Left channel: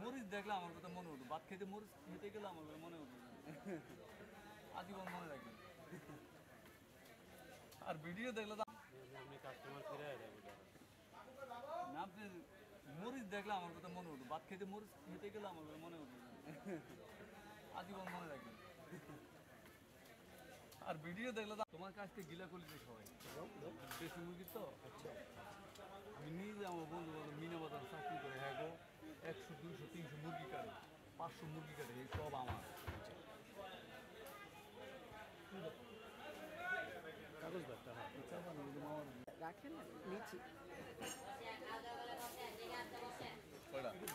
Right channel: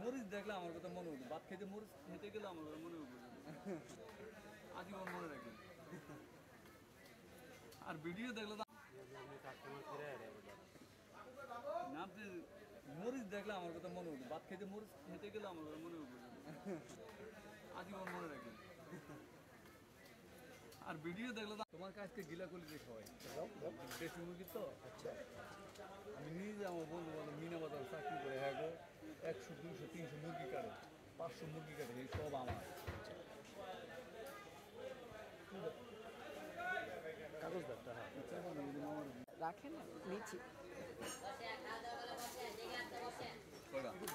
মরিচ দেখলে আমার কথা মনে উঠবে, ভাত খেতে মরিচ খেতে গেলে আমার কথা মনে উঠবে, আজীবন মনে রাখবে। আর ভিডিও দেখলে না, আপনি মরিচ দেখলে আমার কথা মনে উঠবে, ভাত খেতে মরিচ খেতে গেলে আমার কথা মনে উঠবে, আজীবন মনে রাখবে। আর ভিডিও দেখলে তোমার কাছ থেকে গিলা করলে সবাই দেশি মুরগি তো। আচ্ছা, আমি নিজে আমার বন্ধু বান্ধব মিনে বাজার চাকরি করে হ্যাঁ 100 200 300 মুরগি কাটে, 500 মুরগি কাটে, এই সব আমার কাগজ ব্যাগটা। হ্যাঁ রাখেন নিচ্ছি।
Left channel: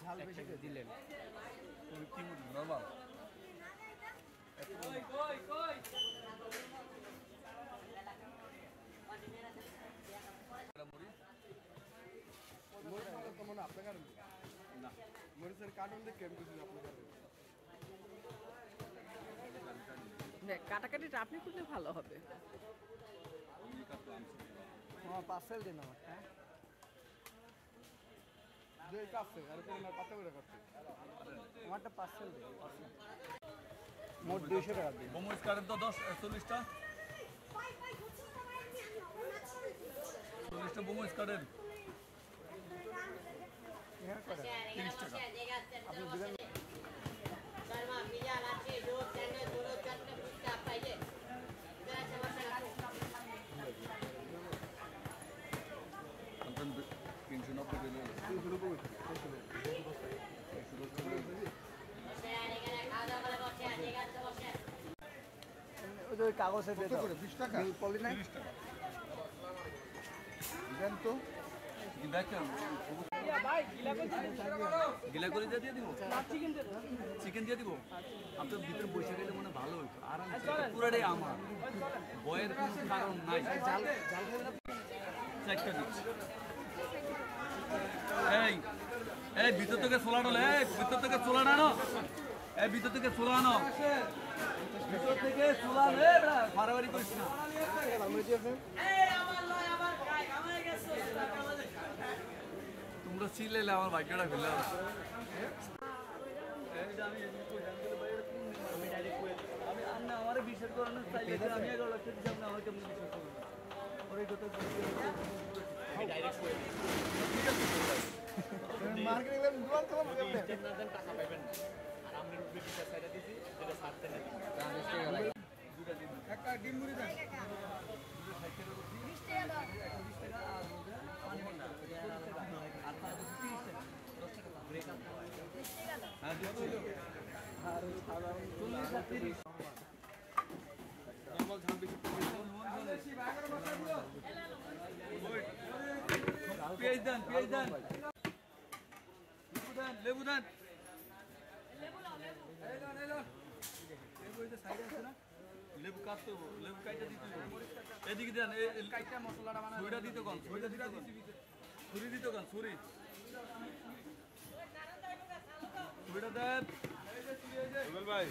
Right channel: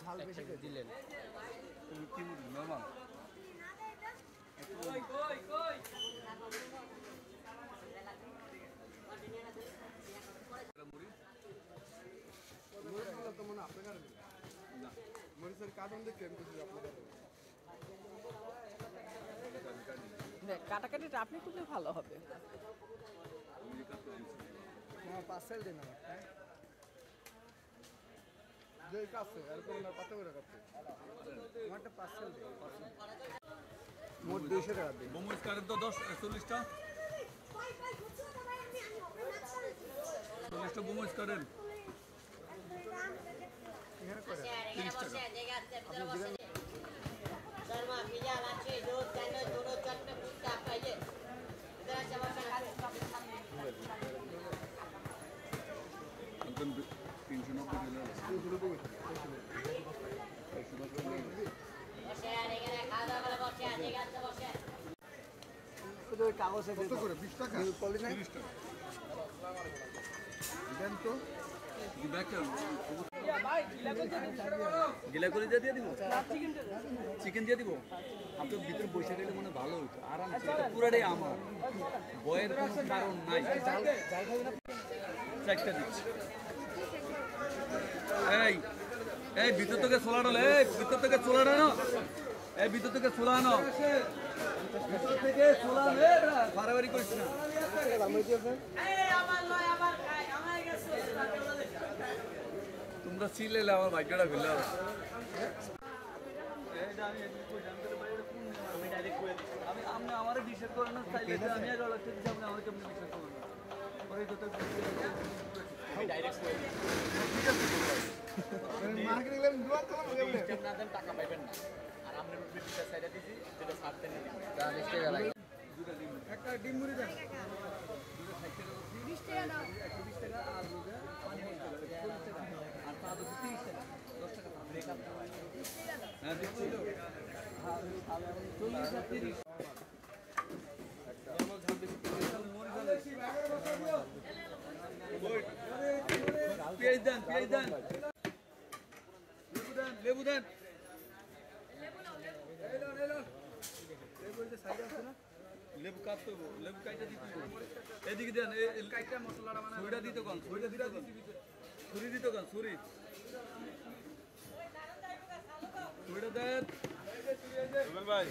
ঝাল বেশি দিলেন কি মুরগি নর্মাল মরিচের কার্টুন দেখেন কাটাকাটিটা আপনি করলে ভালো হবে। পার্সেল দিন আমার কাছে কত করে করতে আমারটা পার্সেল দিন। মোট 200 টাকা দিন। মোমোস কারেন তো 40টা মোমোস কারেন। কাগজে কত করে 20 টাকা পলিথিন 30 টাকা দেন তো গিলা করে দিয়ে দিব, চিকেন দিয়ে দিব। আপনার ভিতরে বসে দিলে মনে ভালো হইতো, আরাম পুরাটাই আমার, বয়ের কোনো কারণ নাই। চারটা দিচ্ছি। এই এই ভিতর থেকে ছোলা ডাল, এই ভিতর থেকে ছোলা ডানো, এই ভিতর থেকে ছোলা আনো, ভিতর থেকে ছোলা বাড়াবাড়ি করিস না। তোমরা চিল্লাইলে আমার ভাগ্যটা ফেলে আমি আমার বিশ্বাস করেন না, চাইলে আমি 11 লাখ টাকা দিচ্ছি, আপনি আমার কেমন বিশ্বাস করেন না। ওর এই কথা টাকা পাইবেন না। আর আপনার সাইডে দিচ্ছি যেটা ছাড়তে নেই একটা ডিম মুড়ি দেন, পেঁয়াজ দেন, পেঁয়াজ দেন, লেবু দেন, লেবু কাটতে হবো, লেবু কাইটা দিতে হবে। এদিকে দেন, ছুরিটা দিতে কন, ছুরিটা দিতে কন, ছুরি দিতে কন, ছুরিটা দেন ভাই।